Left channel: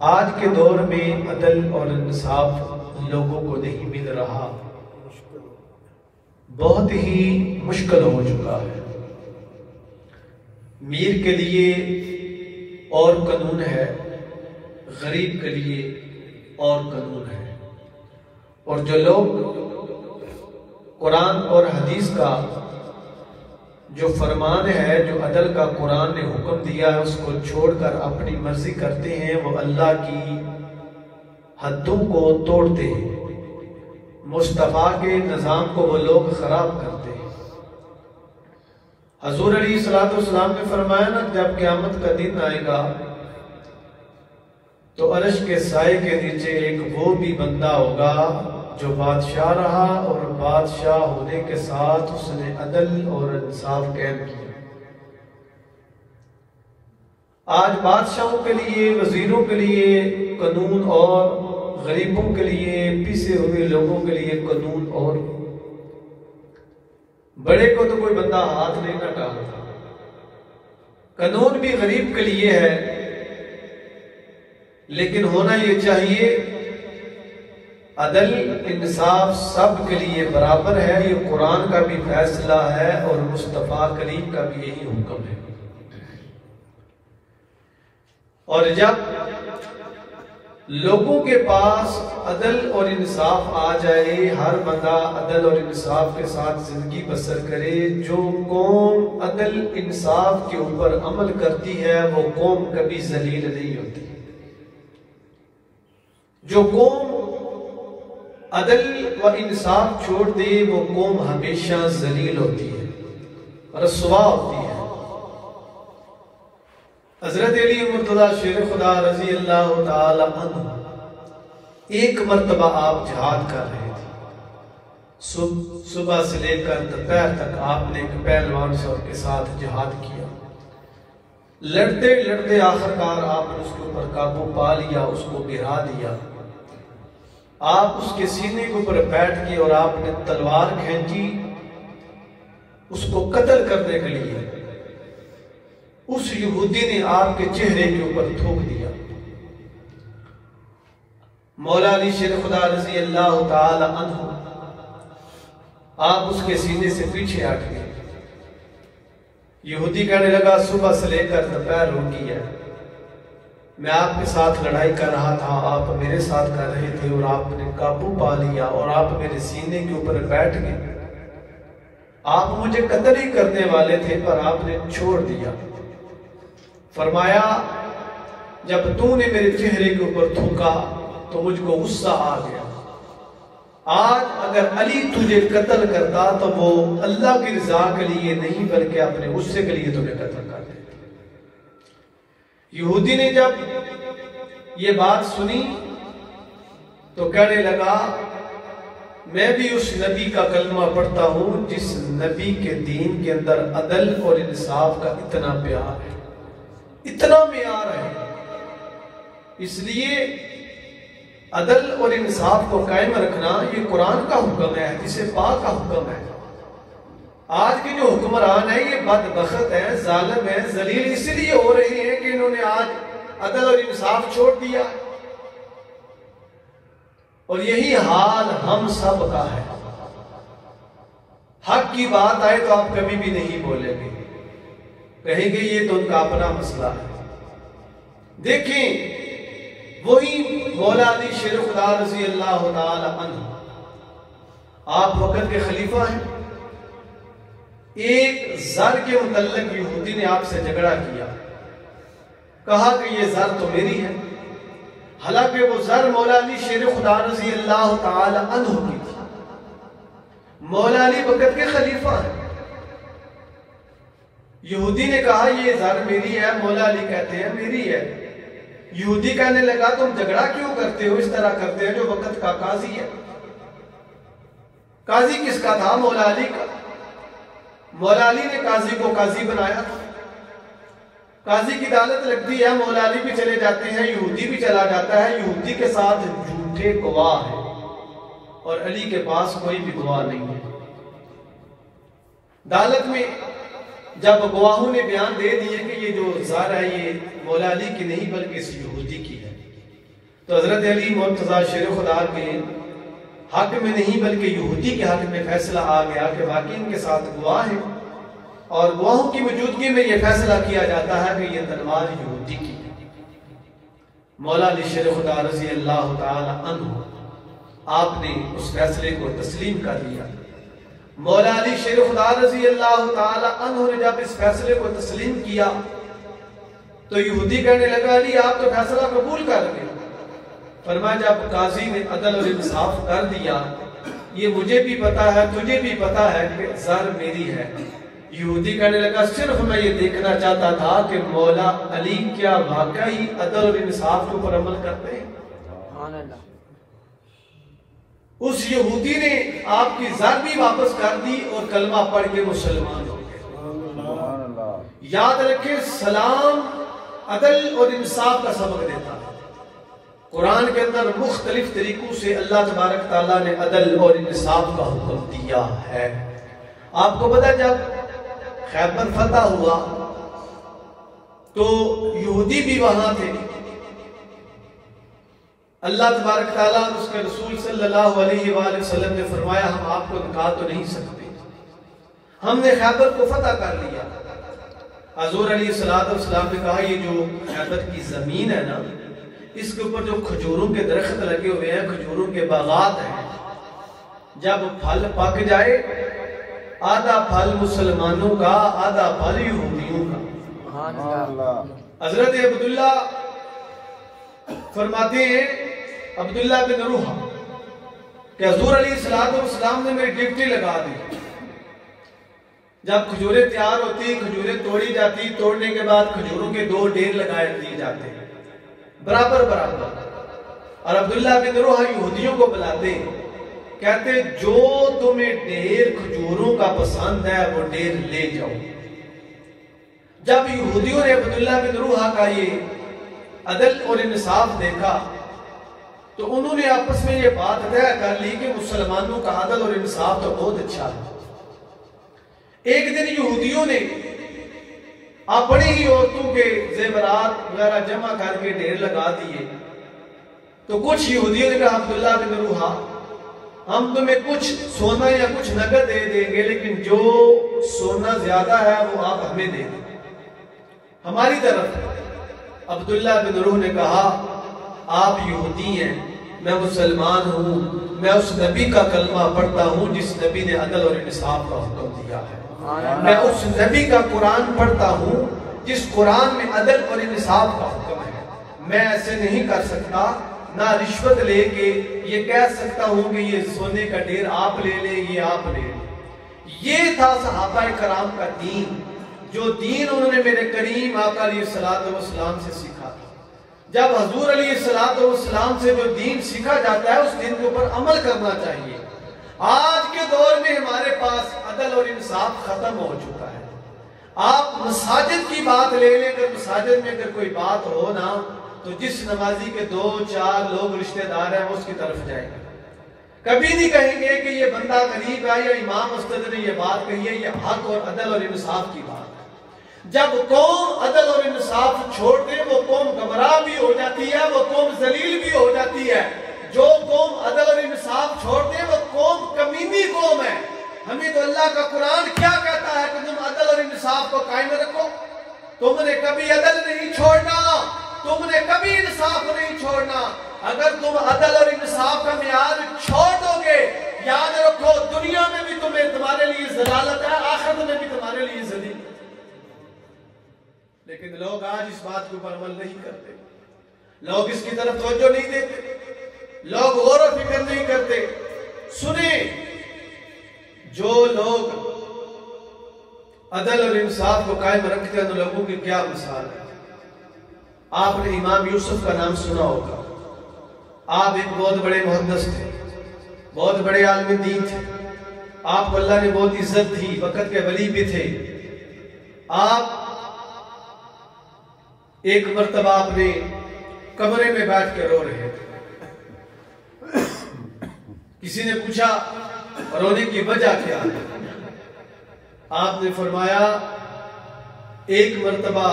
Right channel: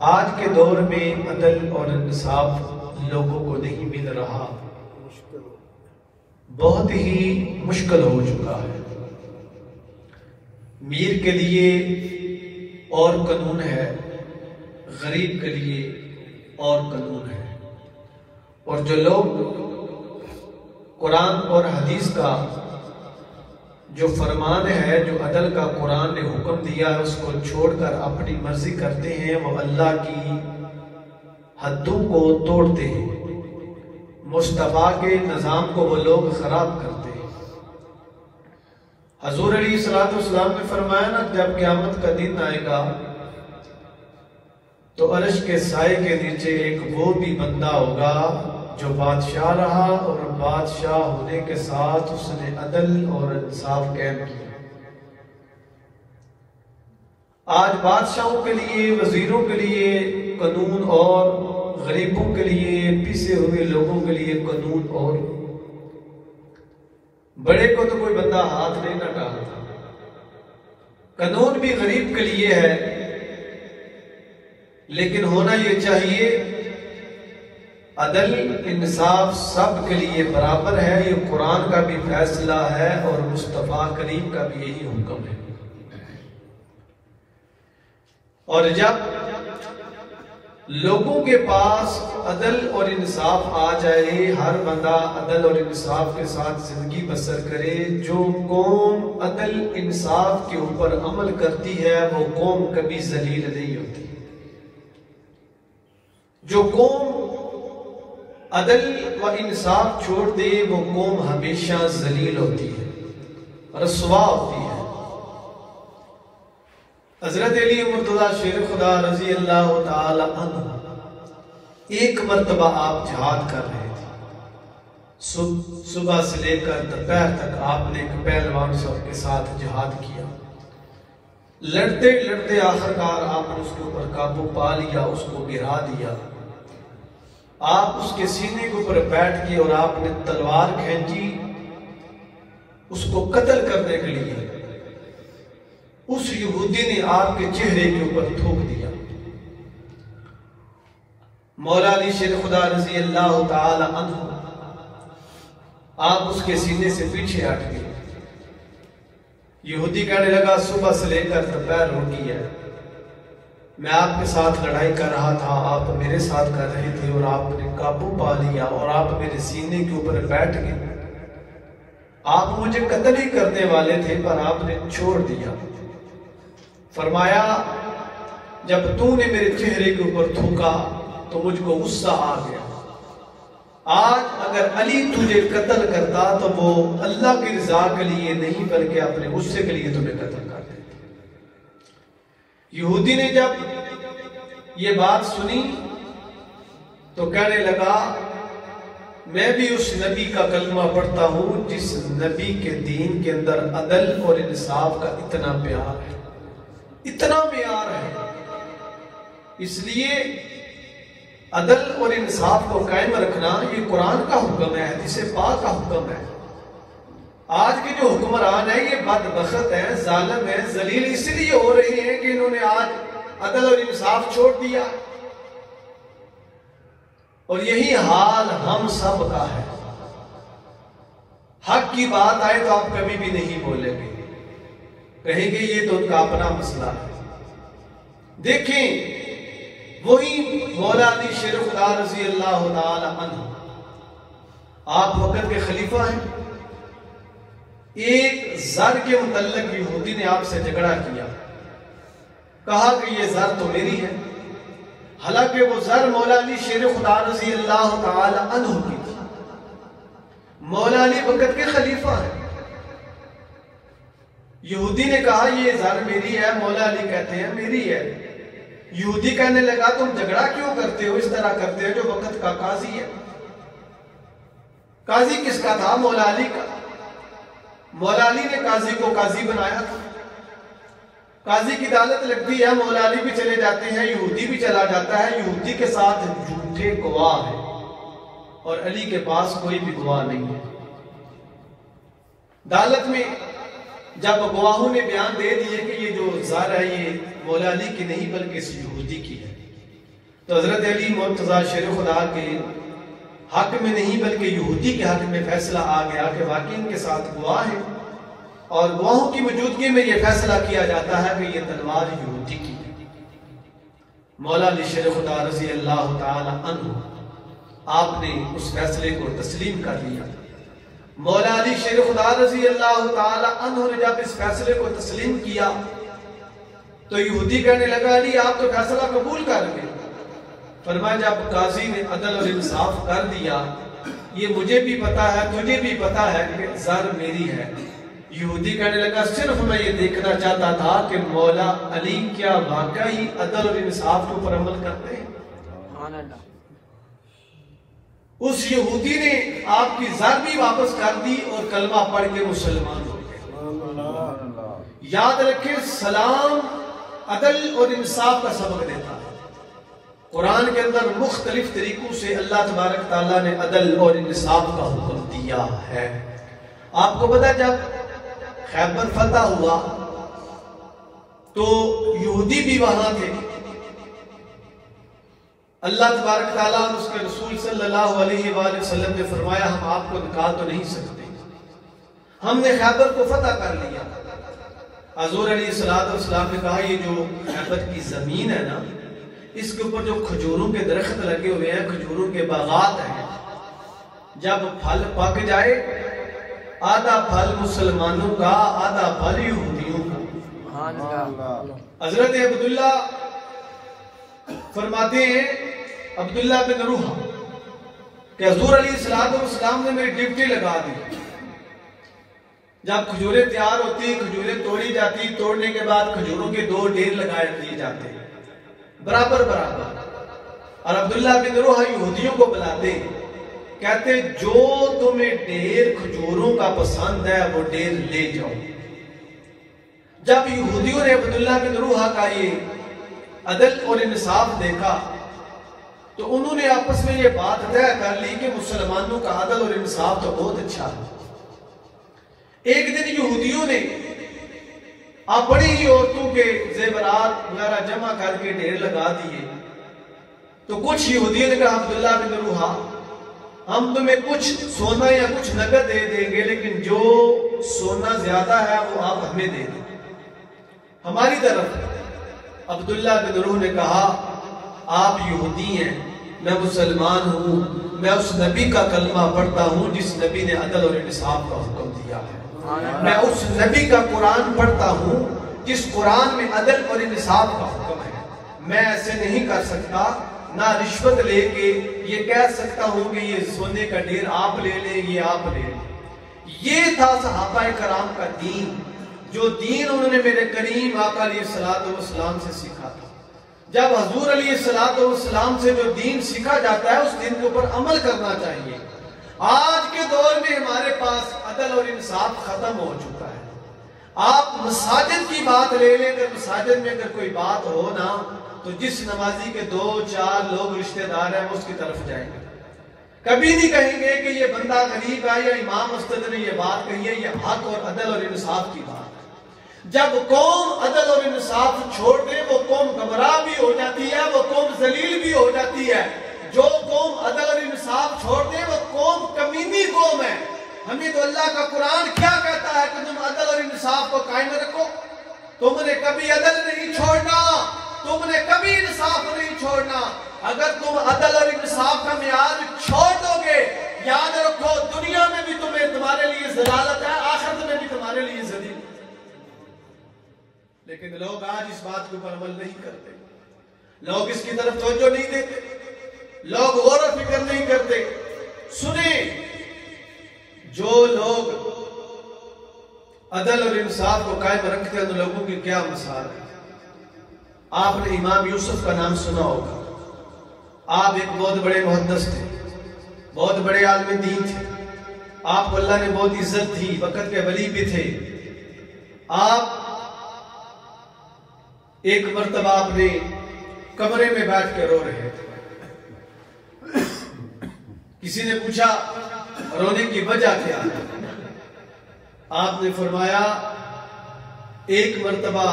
آج کے دور میں عدل اور انصاف لوگوں کو نہیں مل رہا، بہت ہی مشکل ہو چکا ہے۔ امیر کے لیے اور قانون ہے، غریب کے لیے اور قانون ہے، اور جو لوگ قرآن اور حدیث کا جو فرمان ہے، جو عدل کا قرآن نے حکم دیا ہے، اس کو چھوڑ کر اپنی مرضی کرتے ہیں، وہ اللہ کی حدوں کو توڑتے ہیں، مصطفیٰ کے نظام کو وہ لوگ خراب کرتے ہیں۔ حضور علیہ السلام نے فرمایا نا، جب قیامت کا دن آئے گا تو عرش کے سائے کے نیچے ایک وہ بھی بندہ ہوگا جو بادشاہ رہا، اور بادشاہ ہونے کے ساتھ اس نے عدل اور انصاف قائم کیا۔ آج بادشاہوں کے لیے، وزیروں کے لیے قانون اور غریبوں کے لیے، پیسے ہوئے لوگوں کے لیے قانون اور بڑے کو تو کوئی بندہ ہاتھ نہیں نہ ڈالتا۔ قانون بھی غریب کے لیے ہے، لیکن ہونا یہ چاہیے عدل انصاف سب کے لیے برابر ہے۔ یہ قرآن کا بھی فیصلہ ہے اور مصطفیٰ کریم کا بھی یہی حکم ہے۔ اور جب لوگوں کے پاس عدل اور انصاف آ جائے، ہر بندہ عدل اور انصاف کے ساتھ زندگی بسر کرے، جو قوم عدل انصاف کے اوپر عمل کرتی ہے وہ قوم کبھی ذلیل نہیں ہوتی۔ جو قوم عدل و انصاف چھوڑ دے وہ قوم ہمیشہ ذلیل ہوتی ہے، رسوا ہوتی ہے۔ حضرت علی مرتضیٰ شیر خدا رضی اللہ تعالی عنہ ایک مرتبہ آپ جہاد کر رہے تھے، صبح سے لے کر دوپہر تک آپ نے ایک پہلوان صاحب کے ساتھ جہاد کیا، لڑتے لڑتے آخرکار آپ نے اس کے اوپر قابو پا لیا، اس کو گرا دیا۔ آپ اس کے سینے کے اوپر بیٹھ کے اور آپ نے تلوار کھینچی اس کو قتل کرنے کے لیے، اس یہودی نے آپ کے چہرے کے اوپر تھوک دیا۔ مولا علی شیر خدا رضی اللہ تعالی عنہ آپ اس کے سینے سے پیچھے ہٹ گئے۔ یہودی کہنے لگا صبح سے لے کر دوپہر ہو گئی ہے، میں آپ کے ساتھ لڑائی کر رہا تھا، آپ میرے ساتھ کر رہے تھے، اور آپ نے قابو پا لیا اور آپ میرے سینے کے اوپر بیٹھ گئے۔ آپ مجھے قتل ہی کرنے والے تھے پر آپ نے چھوڑ دیا۔ فرمایا جب تو نے میرے چہرے کے اوپر تھوکا تو مجھ کو غصہ آ گیا، آج اگر علی تجھے قتل کرتا تو وہ اللہ کی رضا کے لیے نہیں بلکہ اپنے غصے کے لیے تمہیں قتل کر دیتا۔ یہودی نے جب یہ بات سنی تو کہنے لگا میں بھی اس نبی کا کلمہ پڑھتا ہوں جس نبی کے دین کے اندر عدل اور انصاف کا اتنا پیار ہے، اتنا معیار ہے۔ اس لیے عدل اور انصاف کو قائم رکھنا یہ قرآن کا حکم ہے، حدیث پاک کا حکم ہے۔ آج کے جو حکمران ہیں یہ بدبخت ہیں، ظالم ہیں، ذلیل اس لیے ہو رہے ہیں کہ انہوں نے آج عدل اور انصاف چھوڑ دیا، اور یہی حال ہم سب کا ہے۔ حق کی بات آئے تو آپ کبھی بھی نہیں بولیں گے، کہیں گے یہ تو ان کا اپنا مسئلہ ہے۔ دیکھیں وہی مولا علی شیر خدا رضی اللہ تعالی عنہ آپ وقت کے خلیفہ ہیں، ایک زر کے متعلق یہودی نے آپ سے جھگڑا کیا، کہا کہ یہ زر تو میری ہے، حالانکہ وہ زر مولا علی شیر خدا رضی اللہ تعالی عنہ کی تھی۔ مولا علی وقت کے خلیفہ ہیں، یہودی نے کہا یہ زر میری ہے، مولا علی کہتے ہیں میری ہے۔ یہودی کہنے لگا تم جھگڑا کیوں کرتے ہو، اس طرح کرتے ہیں جو وقت کا قاضی ہے۔ قاضی کس کا تھا؟ مولا علی کا۔ مولا علی نے قاضی کو قاضی بنایا تھا، قاضی کی عدالت لگتی ہے، مولا علی بھی چلے جاتے ہیں، یہودی بھی چلا جاتا ہے، یہودی کے ساتھ جھوٹے گواہ ہیں اور علی کے پاس کوئی بھی گواہ نہیں ہے۔ عدالت میں جب گواہوں نے بیان دے دیے کہ یہ جو زر ہے یہ مولا علی کی نہیں بلکہ اس یہودی کی ہے، تو حضرت علی مرتضیٰ شیر خدا کے حق میں نہیں بلکہ یہودی کے حق میں فیصلہ آ گیا کہ واقعی ان کے ساتھ گواہ ہے، اور گواہوں کی موجودگی میں یہ فیصلہ کیا جاتا ہے کہ یہ تلوار یہودی کی ہے۔ مولا علی شیر خدا رضی اللہ تعالی عنہ آپ نے اس فیصلے کو تسلیم کر لیا۔ مولا علی شیر خدا رضی اللہ تعالی عنہ نے جب اس فیصلے کو تسلیم کیا تو یہودی کہنے لگا علی آپ تو فیصلہ قبول کر گئے۔ فرمایا جب قاضی نے عدل اور انصاف کر دیا، یہ مجھے بھی پتا ہے تجھے بھی پتا ہے کہ زر میری ہے۔ یہودی کہنے لگا صرف میں یہ دیکھنا چاہتا تھا کہ مولا علی کیا واقعی عدل اور انصاف کے اوپر عمل کرتے ہیں۔ سبحان اللہ۔ اس یہودی نے آپ کی زر بھی واپس کر دی اور کلمہ پڑھ کے مسلمان ہو گئے۔ یاد رکھیں سلام عدل اور انصاف کا سبق دیتا ہے۔ قرآن کے اندر مختلف طریقوں سے اللہ تبارک تعالیٰ نے عدل اور انصاف کا حکم دیا ہے۔ آپ کو پتا جب خیبر فتح ہوا تو یہودی بھی وہاں تھے۔ اللہ تبارک تعالیٰ اس کے رسول صلی اللہ علیہ وآلہ وسلم نے فرمایا ہم آپ کو نکال تو نہیں سکتے، ہم نے خیبر کو فتح کر لیا۔ حضور علیہ السلام نے کہا یہ جو خیبر کی زمین ہے نا، اس کے اوپر جو کھجوروں کے درخت لگے ہوئے ہیں، کھجوروں کے باغات ہیں، جب پھل پک جائے آدھا پھل مسلمانوں کا آدھا پھل یہودیوں کا۔ حضرت عبداللہ فرماتے ہیں عبداللہ بن روحہ کہ حضور علیہ السلام نے میری ڈیوٹی لگا دی، جب کھجوریں تیار ہوتی کھجوریں توڑی جاتی، توڑنے کے بعد کھجوروں کے 2 ڈھیر لگائے دیے جاتے برابر برابر، اور عبداللہ بن روحہ یہودیوں کو بلاتے کہتے جو تمہیں ڈھیر کھجوروں کا پسند ہے وہ ڈھیر لے جاؤ۔ جب یہودیوں نے عبداللہ بن روحہ کا یہ عدل اور انصاف دیکھا تو انہوں نے آپس میں یہ بات طے کر لی کہ مسلمانوں کا عدل اور انصاف تو بہت اچھا ہے۔ ایک دن یہودیوں نے اپنی ہی عورتوں کے زیورات وغیرہ جمع کر کے ڈھیر لگا دیے، تو کچھ یہودیوں نے کہا عبداللہ بن روحہ ہم تمہیں کچھ سونا یا کچھ نقد دے دیں گے، لیکن جو سونا زیادہ ہے وہ آپ ہمیں دیں گے ہماری طرف۔ عبداللہ بن روح نے کہا آپ یہودی ہیں، میں مسلمان ہوں، میں اس نبی کا کلمہ پڑھتا ہوں جس نبی نے عدل اور انصاف کا حکم دیا ہے، میں اس نبی کا قرآن پڑھتا ہوں جس قرآن میں عدل اور انصاف کا حکم ہے۔ میں ایسے نہیں کر سکتا، نہ رشوت لے کے یہ کہہ سکتا ہوں کہ یہ سونے کا ڈھیر آپ لے لیں یہ آپ لے لیں۔ یہ تھا صحابہ کرام کا دین، جو دین انہوں نے میرے کریم آقا علیہ السلام سے سیکھا تھا۔ جب حضور علیہ السلام سے جو دین سیکھا جاتا ہے اس دین کے اوپر عمل کرنا چاہیے۔ آج کے دور میں ہمارے پاس عدل اور انصاف ختم ہو چکا ہے۔ آپ مساجد کی بات لے لیں کہ مساجد میں اگر کوئی بات ہو نا تو جس نمازی کے 2-4 لوگ رشتہ دار ہیں وہ اس کی طرف جائیں گے، کبھی نہیں کہیں گے کہ یہ بندہ غریب ہے یا امام مسجد نے یہ بات کہی ہے، یہ حق اور عدل اور انصاف کی بات ہے۔ جب قوم عدل اور انصاف چھوڑ دے وہ قوم گمراہ بھی ہو جاتی ہے، وہ قوم ذلیل بھی ہو جاتی ہے۔ جو قوم عدل اور انصاف چھوڑ دے وہ قوم کمینی قوم ہے۔ ہمیں تو اللہ کا قرآن کیا کہتا ہے کہ تم عدل اور انصاف کو قائم رکھو، تم نے کبھی عدل نہیں چھوڑنا، تم نے کبھی انصاف نہیں چھوڑنا۔ اگر تم عدل اور انصاف کا معیار چھوڑ دو گے، یاد رکھو دنیا میں بھی تمہارے لیے ضلالت ہے، آخرت میں بھی تمہارے لیے ذلیل ہے۔ لیکن لوگ آج اس بات کے اوپر عمل نہیں کرتے، لوگ اس کی طرف توجہ نہیں دیتے، لوگ غور و فکر نہیں کرتے۔ سنیں، جو لوگ عدل اور انصاف کو قائم رکھتے ہیں ان لوگوں کی کیا مثال ہے۔ آپ نے امام یوسف کا نام سنا ہوگا، آپ ایک بہت بڑے محدث تھے، بہت بڑے عالم دین تھے، آپ کو اللہ نے بہت عزت دی، وقت کے ولی بھی تھے۔ آپ ایک مرتبہ اپنے کمرے میں بیٹھ کے رو رہے تھے، کسی نے پوچھا رونے کی وجہ کیا ہے؟ آپ نے فرمایا ایک مرتبہ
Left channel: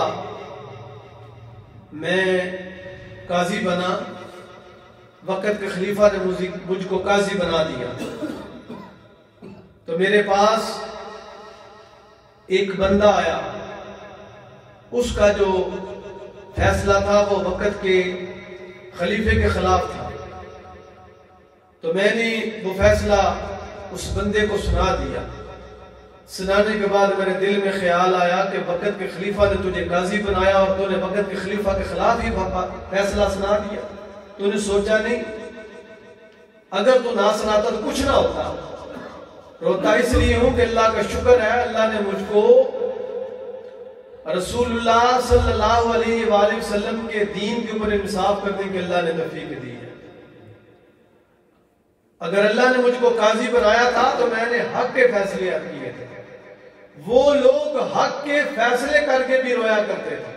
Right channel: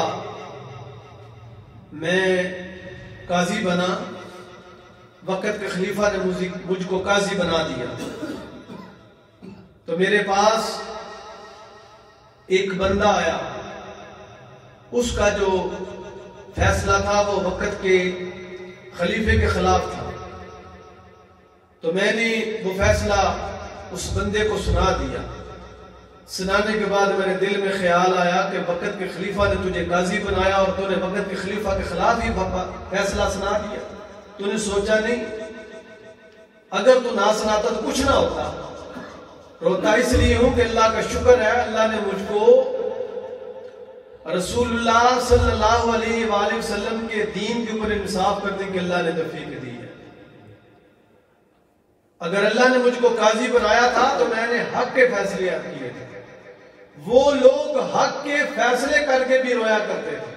میں قاضی بنا وقت کے خلیفہ نے مجھ کو قاضی بنا دیا، تو میرے پاس ایک بندہ آیا، اس کا جو فیصلہ تھا وہ وقت کے خلیفے کے خلاف تھا، تو میں نے وہ فیصلہ اس بندے کو سنا دیا۔ سنانے کے بعد میرے دل میں خیال آیا کہ وقت کے خلیفہ نے تجھے قاضی بنایا اور تو نے وقت کے خلیفہ کے خلاف ہی فیصلہ سنا دیا، تو نے سوچا نہیں اگر تو نہ سناتا تو کچھ نہ ہوتا۔ روتا اس لیے ہوں کہ اللہ کا شکر ہے، اللہ نے مجھ کو رسول اللہ صلی اللہ علیہ وآلہ وسلم کے دین کے اوپر انصاف کرنے کی اللہ نے توفیق دی ہے۔ اگر اللہ نے مجھ کو قاضی بنایا تھا تو میں نے حق کے فیصلے کیے تھے۔ وہ لوگ حق کے فیصلے کر کے بھی رویا کرتے تھے،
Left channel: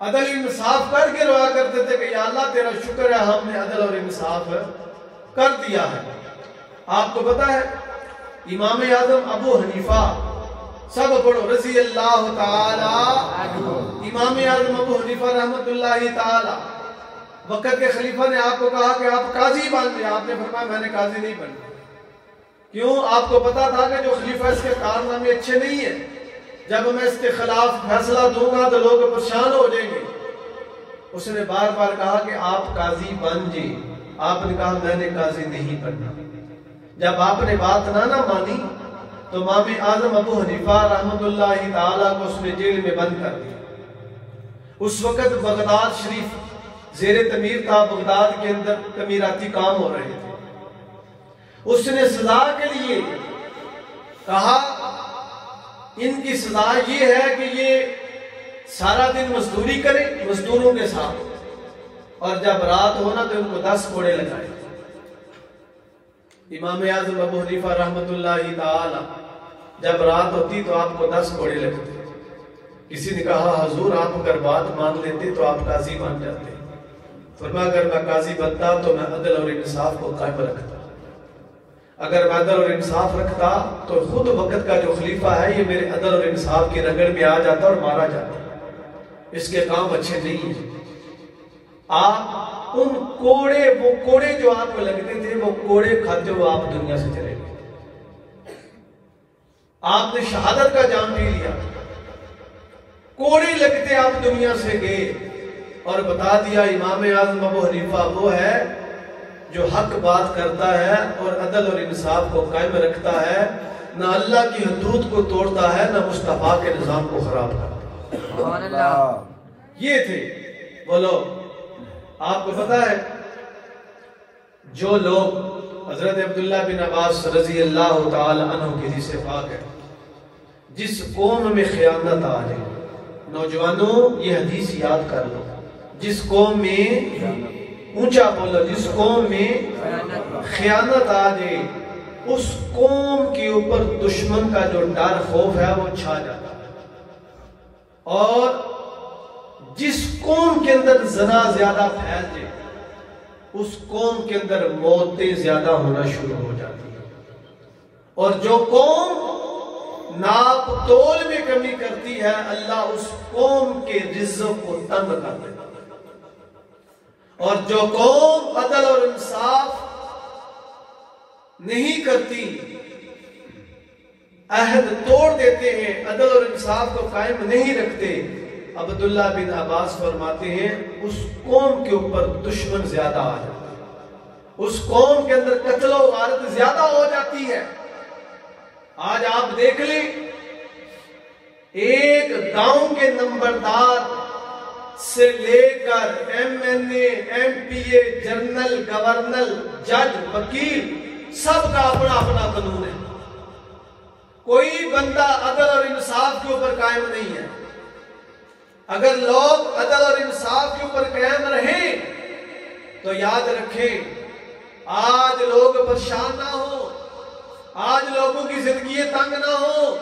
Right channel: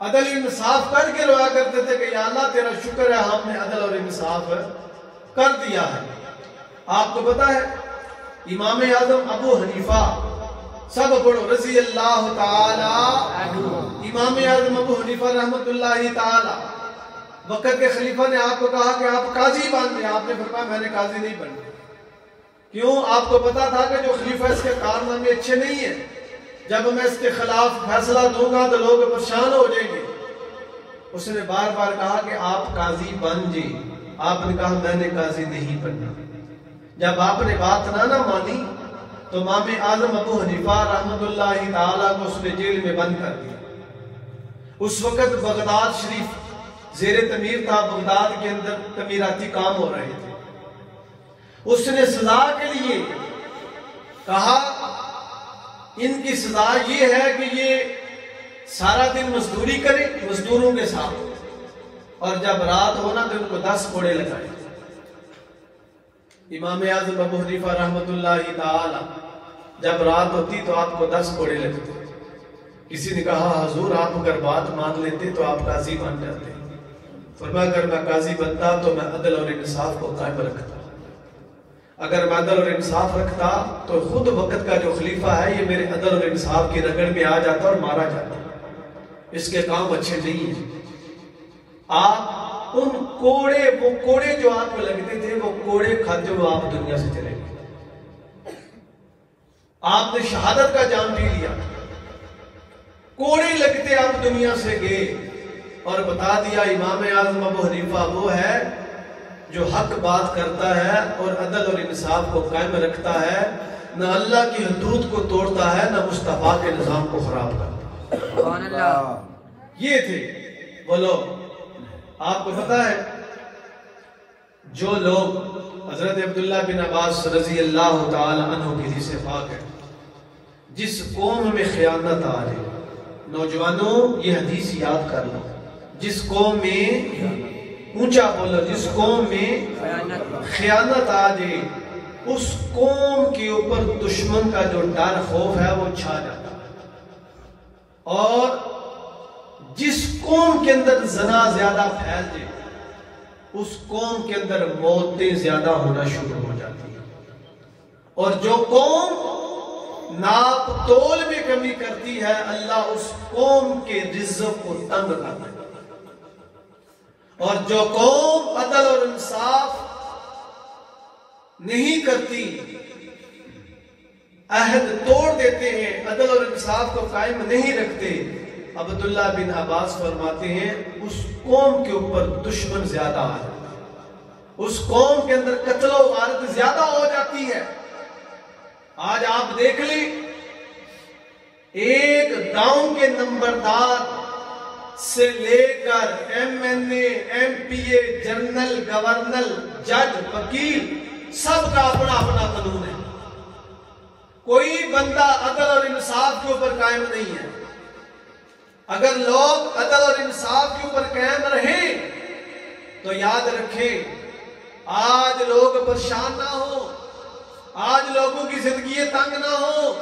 عدل انصاف کر کے رویا کرتے تھے کہ یا اللہ تیرا شکر ہے ہم نے عدل اور انصاف کر دیا ہے۔ آپ کو پتا ہے امام اعظم ابو حنیفہ، سب پڑھو رضی اللہ تعالی، امام اعظم ابو حنیفہ رحمت اللہ تعالی، وقت کے خلیفہ نے آپ کو کہا کہ آپ قاضی بن جائیں، آپ نے فرمایا میں نے قاضی نہیں بننا۔ کیوں؟ آپ کو پتا تھا کہ جو خلیفہ اس کے کارنامے اچھے نہیں ہیں، جب میں اس کے خلاف فیصلہ دوں گا تو لوگ پریشان ہو جائیں گے۔ اس نے بار بار کہا کہ آپ قاضی بن جائیں، آپ نے کہا میں نے قاضی نہیں بننا۔ جب آپ نے بات نہ مانی تو امام اعظم ابو حنیفہ رحمت اللہ تعالیٰ کو اس نے جیل میں بند کر دیا۔ اس وقت بغداد شریف زیر تعمیر تھا، بغداد کے اندر تعمیراتی کام ہو رہے تھے۔ اس نے سزا کے لیے کہا ان کی سزا یہ ہے کہ یہ سارا دن مزدوری کرے مزدوروں کے ساتھ، اور جب رات ہونا تو ان کو 10 کوڑے لگائے۔ امام اعظم ابو حنیفہ رحمت اللہ تعالی جب رات ہوتی تو آپ کو 10 کوڑے لگتے۔ کسی نے کہا حضور آپ اگر بات مان لیتے تو آپ قاضی بن جاتے۔ فرمایا اگر میں قاضی بنتا تو میں عدل اور انصاف کو قائم رکھتا، اگر میں عدل اور انصاف رکھتا تو خود وقت کا جو خلیفہ ہے یہ میرے عدل اور انصاف کی رگڑ میں آ جاتا اور مارا جاتا۔ اس کے کام اچھے نہیں ہیں۔ آپ ان کوڑے، وہ کوڑے جو آپ کو لگتے تھے وہ کوڑے کھاتے ہوئے آپ دنیا سے چلے گئے۔ آپ نے شہادت کا جام پی لیا، کوڑے لگتے آپ دنیا سے گئے، اور بتا دیا امام اعظم ابو حنیفہ وہ ہے جو حق بات کرتا ہے اور عدل اور انصاف کو قائم رکھتا ہے، نہ اللہ کی حدود کو توڑتا ہے نہ مصطفیٰ کے نظام کو خراب کرتا ہے۔ سبحان اللہ۔ یہ تھے وہ لوگ۔ آپ کو پتا ہے جو لوگ حضرت عبداللہ بن عباس رضی اللہ تعالی عنہ کی حدیث پاک ہے، جس قوم میں خیانت آ جائے، نوجوانوں یہ حدیث یاد کر لو، جس قوم میں اونچا بولا، جس قوم میں خیانت آ جائے اس قوم کے اوپر دشمن کا جو ڈر خوف ہے وہ چھا جاتا ہے، اور جس قوم کے اندر زنا زیادہ پھیل جائے اس قوم کے اندر موتیں زیادہ ہونا شروع ہو جاتی ہیں، اور جو قوم ناپ تول میں کمی کرتی ہے اللہ اس قوم کے رزق کو تنگ کر دیتا ہے، اور جو قوم عدل اور انصاف نہیں کرتی، عہد توڑ دیتے ہیں، عدل اور انصاف کو قائم نہیں رکھتے، عبداللہ بن عباس فرماتے ہیں اس قوم کے اوپر دشمن زیادہ آ جاتا ہے، اس قوم کے اندر قتل و غارت زیادہ ہو جاتی ہے۔ آج آپ دیکھ لیں ایک گاؤں کے نمبردار سے لے کر ایم این اے، ایم پی اے، جنرل، گورنر، جج، وکیل، سب کا اپنا اپنا قانون ہے۔ کوئی بندہ عدل اور انصاف کے اوپر قائم نہیں ہے۔ اگر لوگ عدل اور انصاف کے اوپر قائم رہیں تو یاد رکھیں آج لوگ پریشان نہ ہو، آج لوگوں کی زندگی تنگ نہ ہو۔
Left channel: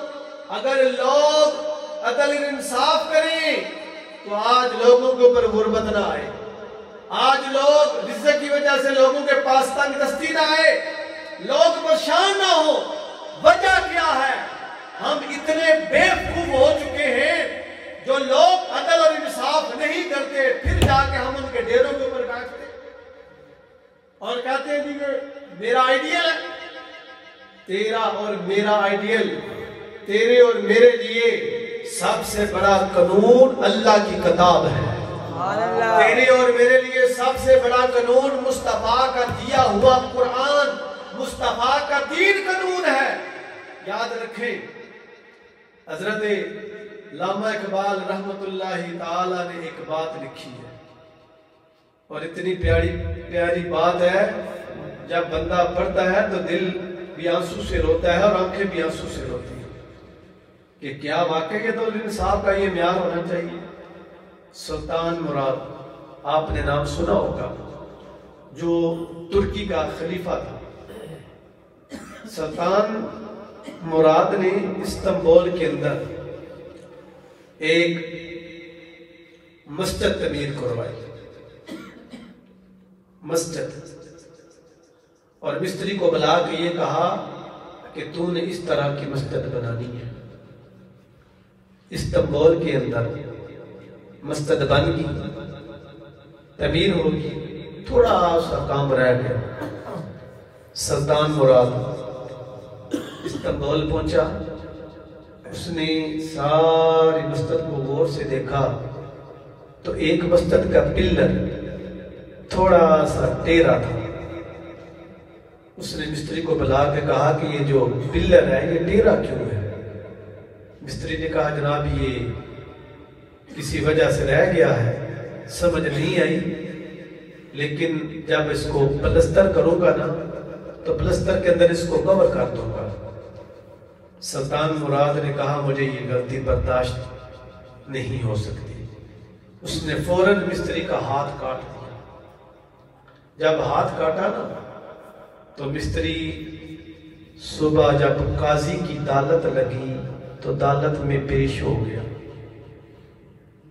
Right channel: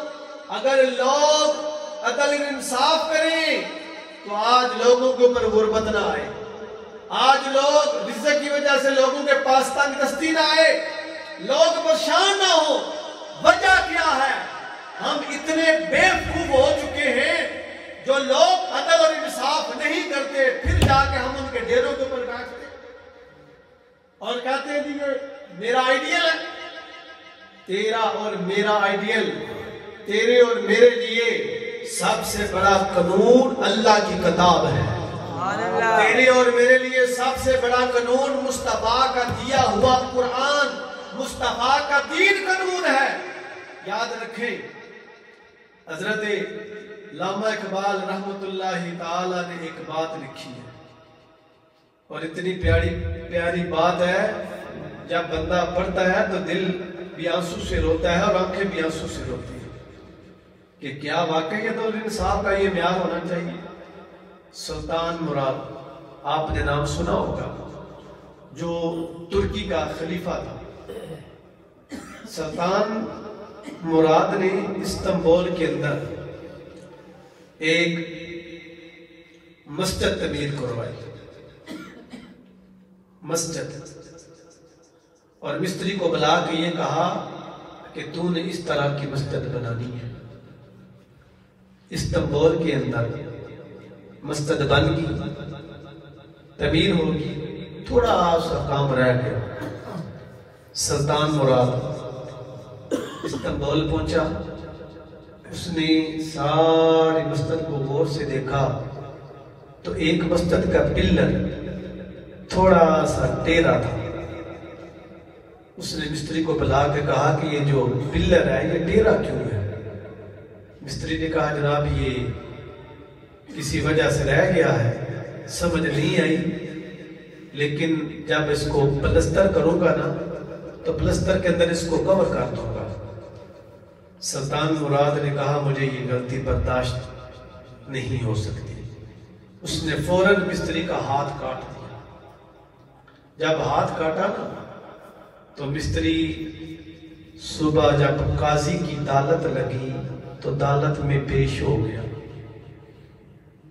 اگر لوگ عدل اور انصاف کریں تو آج لوگوں کے اوپر غربت نہ آئے، آج لوگ رزق کی وجہ سے لوگوں کے پاس تنگ دستی نہ آئے، لوگ پریشان نہ ہو۔ وجہ کیا ہے؟ ہم اتنے بیوقوف ہو چکے ہیں، جو لوگ عدل اور انصاف نہیں کرتے پھر جا کے ہم ان کے ڈیروں کے اوپر ڈانٹتے۔ اور کہتے ہیں یہ میرا آئیڈیل ہے. تیرا اور میرا آئیڈیل، تیرے اور میرے لیے سب سے بڑا قانون اللہ کی کتاب ہے. تیرے اور میرے لیے سب سے بڑا قانون مصطفیٰ کا دیا ہوا قرآن، مصطفیٰ کا دین قانون ہے. یاد رکھیں، حضرت علامہ اقبال رحمت اللہ تعالی نے ایک بات لکھی ہے، اور اتنی پیاری بات ہے، جب بندہ پڑھتا ہے تو دل بھی آنسو سے روتا ہے اور آنکھیں بھی آنسو سے روتی ہیں کہ کیا واقعی کے طور انصاف کا یہ معیار ہونا چاہیے. سلطان مراد، آپ نے نام سنا ہوگا، جو ترکی کا خلیفہ تھا. سلطان مراد نے استنبول کے اندر ایک مسجد تعمیر کروائی، مسجد، اور مستری کو بلا کے یہ کہا کہ تو نے اس طرح کی مسجد بنانی ہے. استنبول کے اندر مسجد بن گئی، تعمیر ہوگی، تھوڑا سا کام رہ گیا. سلطان مراد استنبول پہنچا، اس نے ساری مسجد کو غور سے دیکھا تو ایک مسجد کا پلر تھوڑا سا ٹیڑھا تھا. اس نے مستری کو بلا کے کہا کہ یہ جو پلر ہے یہ ٹیڑھا کیوں ہے؟ مستری نے کہا جناب یہ کسی وجہ سے رہ گیا ہے، سمجھ نہیں آئی، لیکن جب اس کو پلستر کروں گا نا تو پلستر کے اندر اس کو کور کر دوں گا. سلطان مراد نے کہا مجھے یہ غلطی برداشت نہیں ہو سکتی. اس نے فوراً مستری کا ہاتھ کاٹ دیا. جب ہاتھ کاٹا نا تو مستری صبح جب قاضی کی عدالت لگی تو عدالت میں پیش ہو گیا.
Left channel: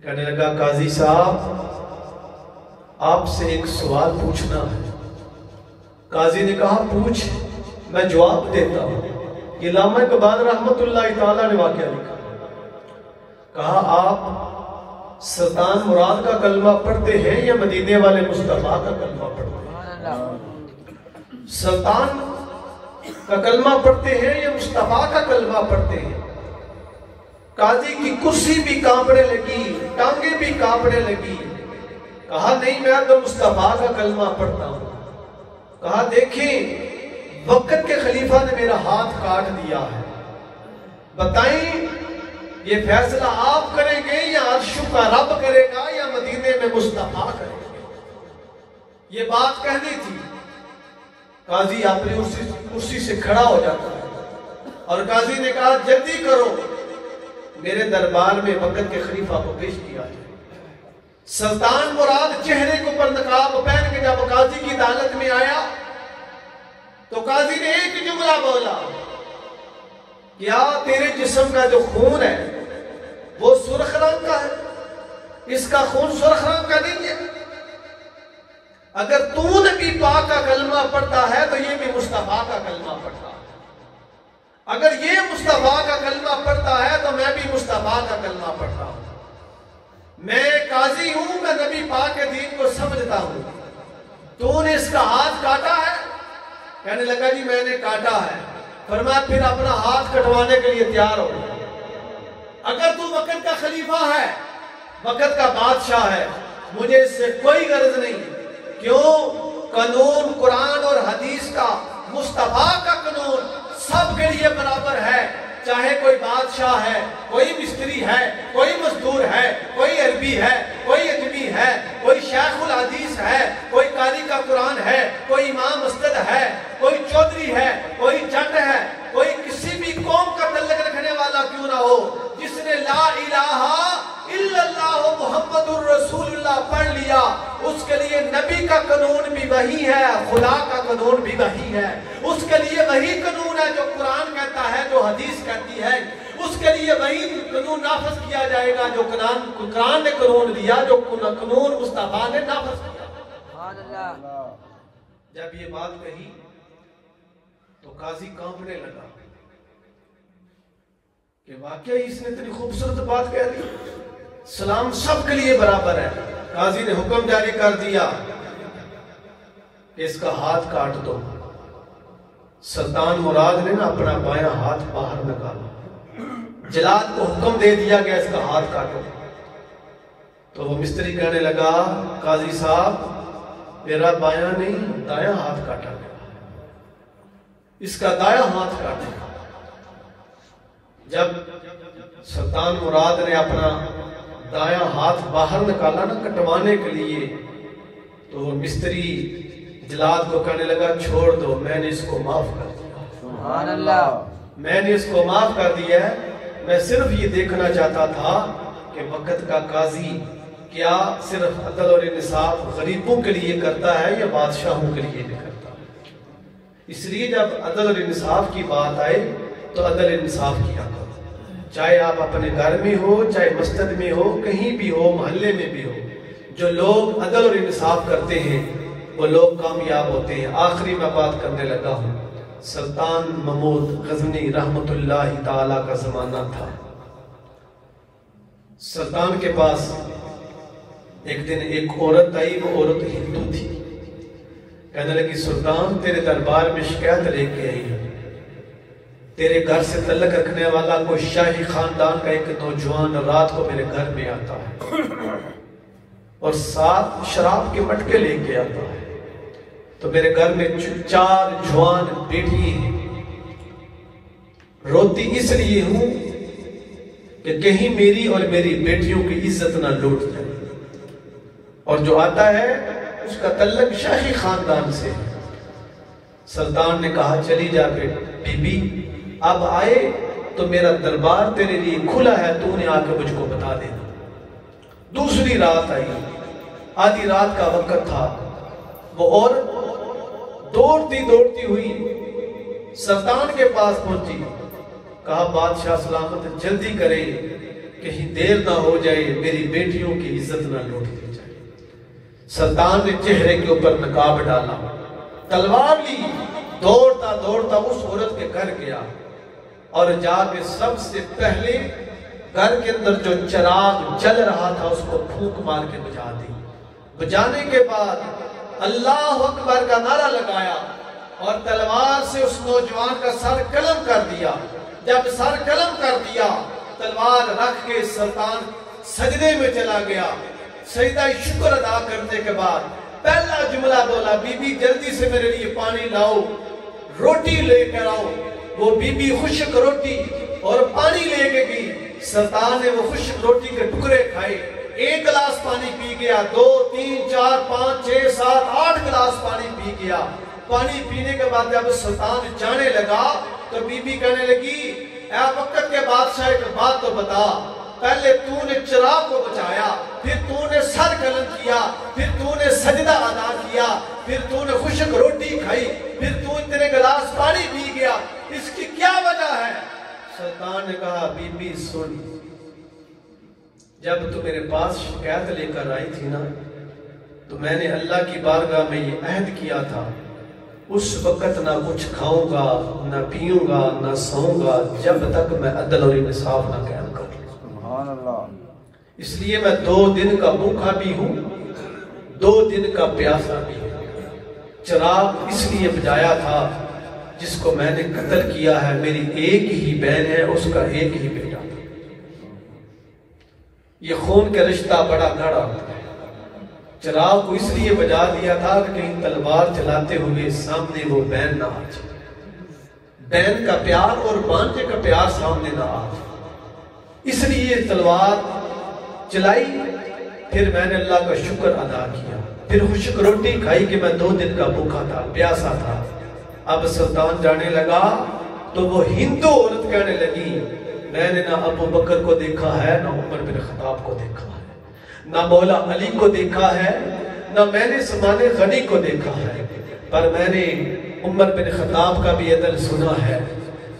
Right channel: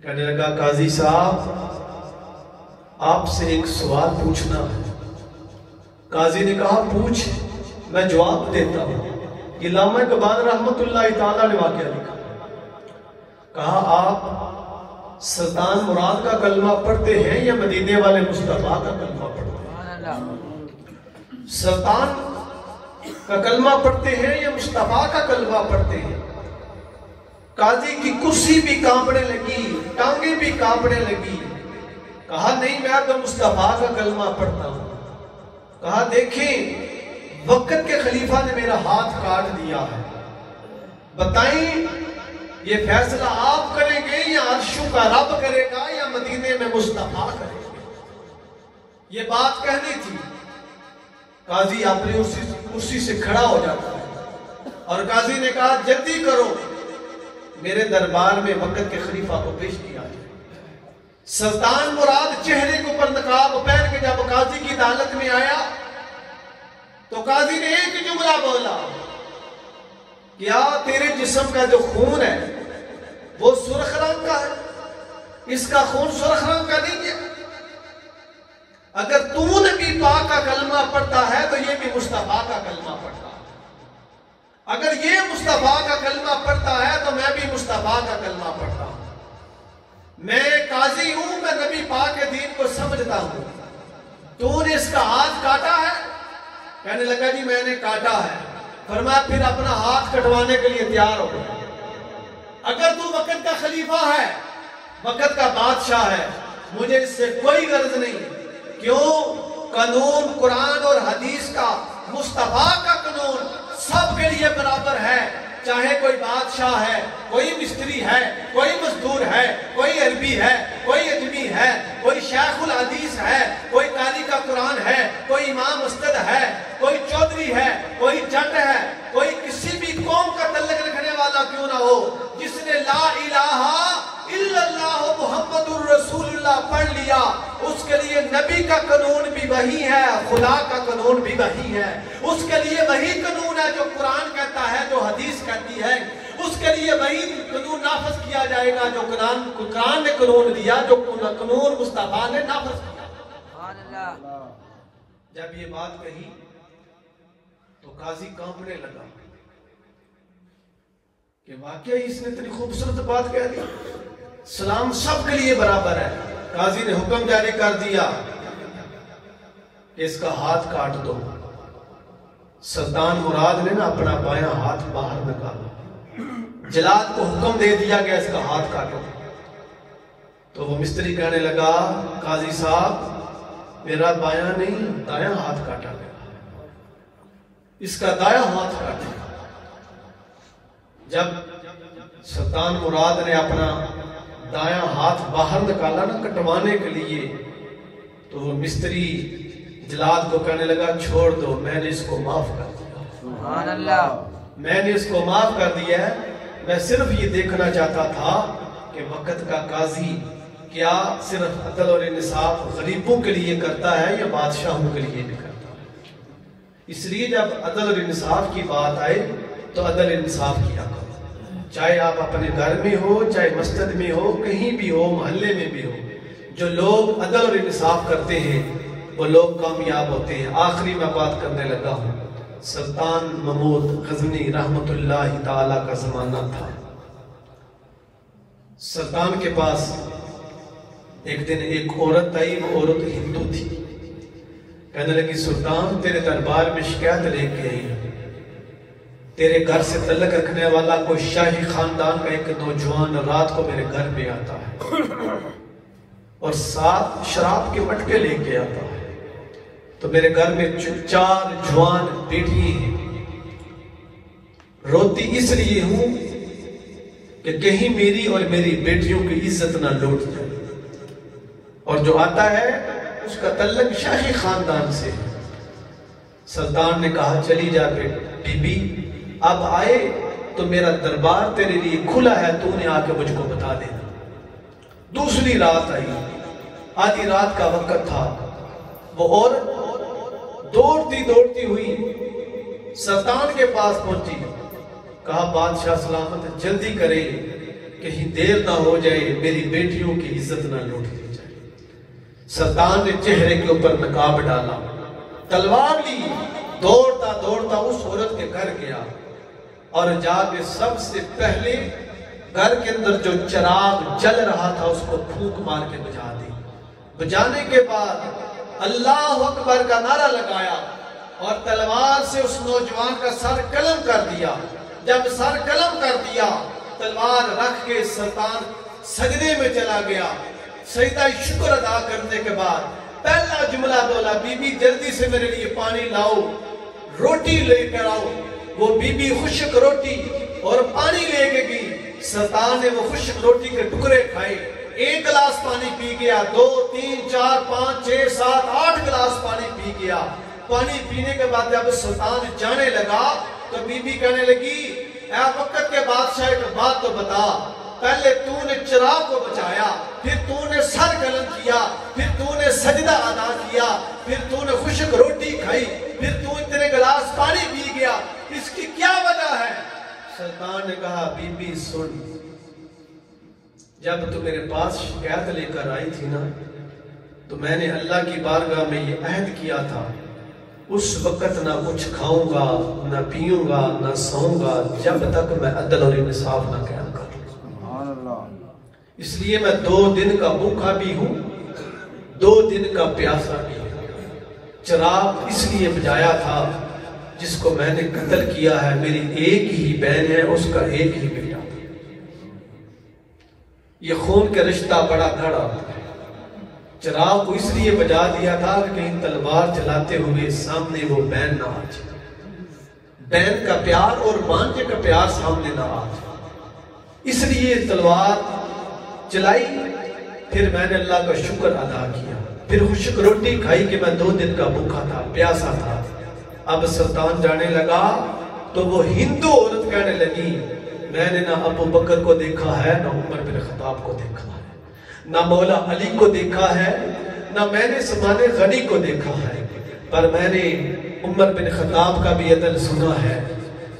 کہنے لگا قاضی صاحب آپ سے ایک سوال پوچھنا ہے. قاضی نے کہا پوچھ، میں جواب دیتا ہوں. یہ علامہ اقبال رحمت اللہ تعالی نے واقعہ لکھا. کہا آپ سلطان مراد کا کلمہ پڑھتے ہیں یا مدینے والے مصطفیٰ کا کلمہ پڑھتے ہیں؟ سلطان کا کلمہ پڑھتے ہیں یا مصطفیٰ کا کلمہ پڑھتے ہیں؟ قاضی کی کرسی بھی کانپنے لگی، ٹانگیں بھی کانپنے لگی. کہا نہیں میں تو مصطفیٰ کا کلمہ پڑھتا ہوں. کہا دیکھیں وقت کے خلیفہ نے میرا ہاتھ کاٹ دیا ہے، بتائیں یہ فیصلہ آپ کریں گے یا عرشوں کا رب کرے گا یا مدینے میں مصطفیٰ کرے گا؟ یہ بات کہنی تھی. قاضی اپنی کرسی سے کھڑا ہو جاتا ہے اور قاضی نے کہا جلدی کرو، میرے دربار میں وقت کے خلیفہ کو پیش کیا جائے. سلطان مراد چہرے کے اوپر نقاب پہن کے جب قاضی کی عدالت میں آیا تو قاضی نے ایک جملہ بولا، کیا تیرے جسم کا جو خون ہے وہ سرخ رنگ کا ہے؟ اس کا خون سرخ رنگ کا نہیں ہے. اگر تو نبی پاک کا کلمہ پڑھتا ہے تو یہ بھی مصطفیٰ کا کلمہ پڑھتا ہے. اگر یہ مصطفیٰ کا کلمہ پڑھتا ہے تو میں بھی مصطفیٰ کا کلمہ پڑھتا ہوں. میں قاضی ہوں، میں نبی پاک کے دین کو سمجھتا ہوں. تو نے اس کا ہاتھ کاٹا ہے؟ کہنے لگا جی میں نے کاٹا ہے. فرمایا پھر اپنا ہاتھ کٹوانے کے لیے تیار ہو. اگر تو وقت کا خلیفہ ہے، وقت کا بادشاہ ہے، مجھے اس سے کوئی غرض نہیں. کیوں؟ قانون قرآن اور حدیث کا، مصطفیٰ کا قانون سب کے لیے برابر ہے. چاہے کوئی بادشاہ ہے، کوئی مستری ہے، کوئی مزدور ہے، کوئی عربی ہے، کوئی اجمی ہے، کوئی شیخ الحدیث ہے، کوئی قاری کا قرآن ہے، کوئی امام مسجد ہے، کوئی چودھری ہے، کوئی جٹ ہے، کوئی کسی بھی قوم کا تعلق رکھنے والا کیوں نہ ہو، جس نے لا الہ الا اللہ محمد الرسول اللہ پڑھ لیا، اس کے لیے نبی کا قانون بھی وہی ہے، خدا کا قانون بھی وہی ہے. اس کے لیے وہی قانون ہے جو قرآن کہتا ہے، جو حدیث کہتی ہے. اس کے لیے وہی قانون نافذ کیا جائے گا جو قرآن نے قانون دیا، جو قانون مصطفیٰ نے نافذ کیا. جب یہ بات کہی تو قاضی کانپنے لگا کہ واقعی اس نے اتنی خوبصورت بات کہہ دی. سلام سب کے لیے برابر ہے. قاضی نے حکم جاری کر دیا کہ اس کا ہاتھ کاٹ دو. سلطان مراد نے نا اپنا بایاں ہاتھ باہر نکالا. جلاد کو حکم دے دیا کہ اس کا ہاتھ کاٹو. تو وہ مستری کہنے لگا قاضی صاحب میرا بایاں نہیں دایاں ہاتھ کاٹا گیا, اس کا دایاں ہاتھ کاٹا. جب سلطان مراد نے اپنا دایاں ہاتھ باہر نکالا نا کٹوانے کے لیے, تو وہ مستری جلاد کو کہنے لگا چھوڑ دو, میں نے اس کو معاف کر دیا. سبحان اللہ, میں نے اس کو معاف کر دیا ہے. میں صرف یہ دیکھنا چاہتا تھا کہ وقت کا قاضی کیا صرف عدل اور انصاف غریبوں کے لیے کرتا ہے یا بادشاہوں کے لیے بھی کرتا ہے. اس لیے جب عدل اور انصاف کی بات آئے تو عدل انصاف کیا کرو, چاہے آپ اپنے گھر میں ہو, چاہے مسجد میں ہو, کہیں بھی ہو, محلے میں بھی ہو. جو لوگ عدل اور انصاف کرتے ہیں وہ لوگ کامیاب ہوتے ہیں. آخری میں بات کرنے لگا ہوں. سلطان محمود غزنی رحمت اللہ تعالی کا زمانہ تھا. سلطان کے پاس ایک دن ایک عورت آئی. وہ عورت ہندو تھی. کہنے لگی سلطان تیرے دربار میں شکایت لے کے آئی, تیرے گھر سے تعلق رکھنے والا کوئی شاہی خاندان کا ایک نوجوان رات کو میرے گھر پہ آتا ہے اور ساتھ شراب کے مٹکے لے کے آتا ہے. تو میرے گھر میں 4 جوان بیٹی ہیں. روتی اس لیے ہوں کہ کہیں میری اور میری بیٹیوں کی عزت نہ لوٹ جائے. اور جو آتا ہے اس کا تعلق شاہی خاندان سے. سلطان نے کہا چلی جا کے بی بی اب آئے تو میرا دربار تیرے لیے کھلا ہے, تو نے آ کے مجھ کو بتا دے. دوسری رات آئی, آدھی رات کا وقت تھا. وہ عورت دوڑتی دوڑتی ہوئی سلطان کے پاس پہنچی. کہا بادشاہ سلامت جلدی کرے, کہیں دیر نہ ہو جائے, میری بیٹیوں کی عزت نہ لوٹ دی جائے. سلطان نے چہرے کے اوپر نقاب ڈالا, تلوار لی, دوڑتا دوڑتا اس عورت کے گھر گیا اور جا کے سب سے پہلے گھر کے اندر جو چراغ جل رہا تھا اس کو پھونک مار کے بجھا دی. بجھانے کے بعد اللہ اکبر کا نعرہ لگایا اور تلوار سے اس نوجوان کا سر قلم کر دیا. جب سر قلم کر دیا تلوار رکھ کے سلطان سجدے میں چلا گیا. سجدہ شکر ادا کرنے کے بعد پہلا جملہ بولا بی بی جلدی سے میرے لیے پانی لاؤ, روٹی لے کر آؤ. وہ بی بی خشک روٹی اور پانی لے کے گئی. سلطان نے وہ خشک روٹی کے ٹکڑے کھائے, 1 گلاس پانی پی گیا, 2 3 4 5 6 7 8 گلاس پانی پی گیا. پانی پینے کے بعد جب سلطان جانے لگا تو بی بی کہنے لگی اے وقت کے بادشاہ ایک بات تو بتا, پہلے تو نے چراغ کو بچایا, پھر تو نے سر قلم کیا, پھر تو نے سجدہ ادا کیا, پھر تو نے خشک روٹی کھائی, پھر تو نے گلاس پانی پی گیا, اس کی کیا وجہ ہے؟ سلطان نے کہا بی بی سن, جب تو میرے پاس شکایت لے کر آئی تھی نا تو میں نے اللہ کی بارگاہ میں یہ عہد کیا تھا اس وقت نہ کچھ کھاؤں گا, نہ پیوں گا, نہ سوؤں گا جب تک میں عدل اور انصاف نہ قائم کروں. اس لیے میں 2 دن کا بھوکا بھی ہوں, 2 دن کا پیاسا بھی ہوں. چراغ اس لیے بجھایا تھا جس کو میں نے قتل کیا ہے میری ایک ہی بہن ہے, اس کا ایک ہی بیٹا. یہ خون کا رشتہ بڑا گڑا. چراغ کو اس لیے بجھا دیا تھا کہ کہیں تلوار چلاتے ہوئے سامنے وہ بہن نہ آ جائے, بہن کا پیار اور بانجے کا پیار سامنے نہ آ جائے. اس لیے تلوار چلائی. پھر میں نے اللہ کا شکر ادا کیا, پھر خشک روٹی کھائی کہ میں 2 دن کا بھوکا تھا, پیاسا تھا. اب سلطان جانے لگا تو وہ ہندو عورت کہنے لگی میں نے نہ ابو بکر کو دیکھا ہے, نہ عمر بن خطاب کو دیکھا ہے, نہ مولا علی کو دیکھا ہے, نہ میں نے سمان غنی کو دیکھا ہے, پر میں نے عمر بن خطاب کا بھی عدل سنا ہے,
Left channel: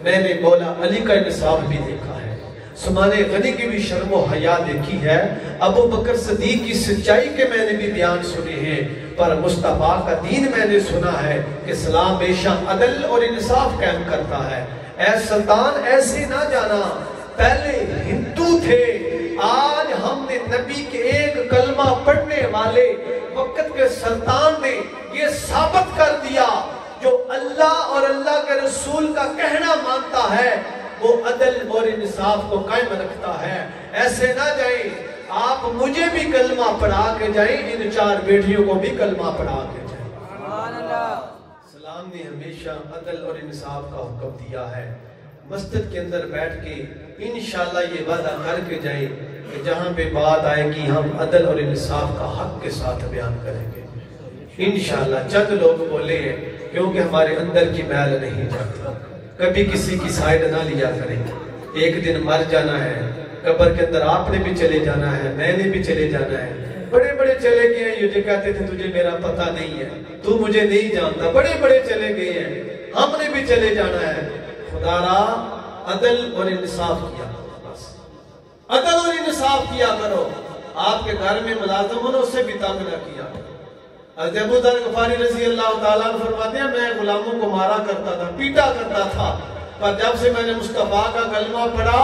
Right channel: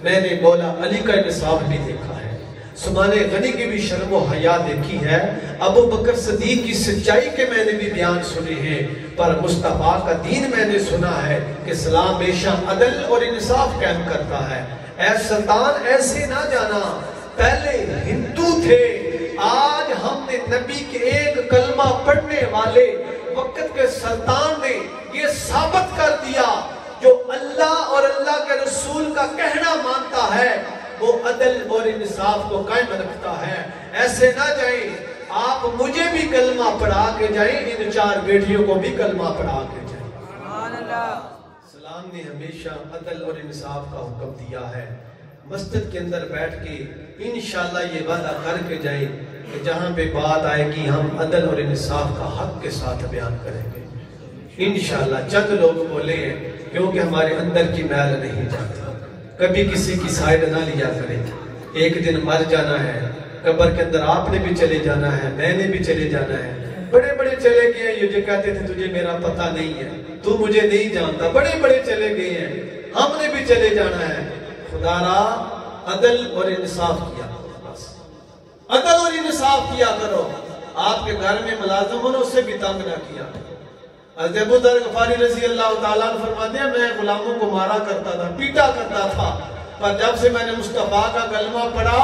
میں نے مولا علی کا انصاف بھی دیکھا ہے, سمان غنی کی بھی شرم و حیا دیکھی ہے, ابو بکر صدیق کی سچائی کے میں نے بھی بیان سنے ہیں, پر مصطفیٰ کا دین میں نے سنا ہے کہ اسلام ہمیشہ عدل اور انصاف قائم کرتا ہے. اے سلطان ایسے نہ جانا, پہلے ہندو تھے, آج ہم نے نبی کے ایک کلمہ پڑھنے والے وقت کے سلطان نے یہ ثابت رسول کا کہنا مانتا ہے وہ عدل اور انصاف کو قائم رکھتا ہے. ایسے نہ جائیں آپ مجھے بھی کلمہ پڑھا کے جائیں, ان 4 بیٹیوں کو بھی کلمہ پڑھا کے جائیں. سبحان اللہ. اسلام نے ہمیشہ عدل اور انصاف کا حکم دیا ہے. مسجد کے اندر بیٹھ کے انشاءاللہ یہ وعدہ کر کے جائیں کہ جہاں پہ بات آئے گی ہم عدل اور انصاف کا حق کے ساتھ بیان کریں گے انشاءاللہ. چند لوگ بولے ہیں کیونکہ ہمارے اندر کی میل نہیں جاتی. کبھی کسی کی سائیڈ نہ لیا کریں. ایک دن مر جانا ہے, قبر کے اندر آپ نے بھی چلے جانا ہے, میں نے بھی چلے جانا ہے. بڑے بڑے چلے گئے ہیں, یہ جو کہتے تھے تجھے میرا پتہ نہیں ہے, تو مجھے نہیں جانتا, بڑے بڑے چلے گئے ہیں, ہم نے بھی چلے جانا ہے. خدا را عدل اور انصاف کیا کرو, بس عدل اور انصاف کیا کرو. آپ کے گھر میں ملازم ہو نا, اس سے بھی تنگ نہ کیا. حضرت ابو ذر غفاری رضی اللہ تعالیٰ عنہ فرماتے ہیں میں غلاموں کو مارا کرتا تھا, پیٹا کرتا تھا, پر جب سے میں نے مصطفیٰ کا کلمہ پڑھا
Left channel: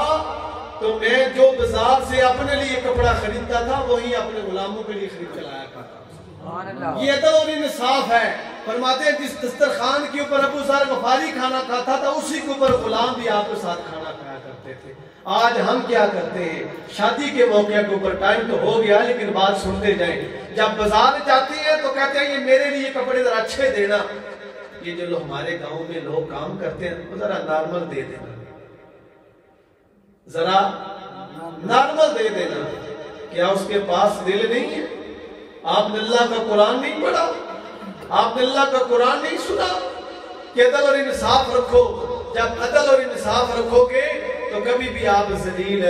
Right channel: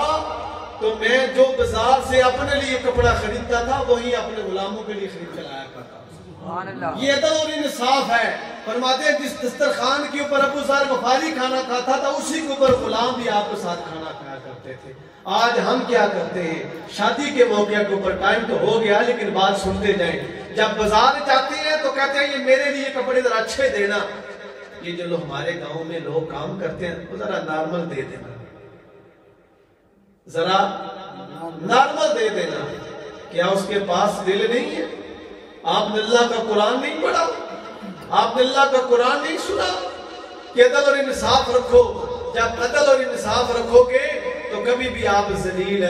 تو میں جو بازار سے اپنے لیے کپڑا خریدتا تھا وہی اپنے غلاموں کے لیے خرید کے لایا کرتا تھا. یہ عدل اور انصاف ہے. فرماتے ہیں جس دسترخوان کے اوپر ابو ذر غفاری کھانا کھاتا تھا اسی کے اوپر غلام بھی آپ کے ساتھ کھانا کھایا کرتے تھے. آج ہم کیا کرتے ہیں, شادی کے موقع کے اوپر ٹائم تو ہو گیا لیکن بات سنتے جائیں, جب بازار جاتے ہیں تو کہتے ہیں یہ میرے لیے کپڑے ذرا اچھے دینا. یہ جو ہمارے گاؤں میں لوگ کام کرتے ہیں وہ ذرا نارمل دے دینا, ذرا نارمل دے دینا. کیا اس کے پاس دل نہیں ہے؟ آپ نے اللہ کا قرآن نہیں پڑھا, آپ نے اللہ کا قرآن نہیں سنا کہ عدل اور انصاف رکھو. جب عدل اور انصاف رکھو گے تو کبھی بھی آپ ذلیل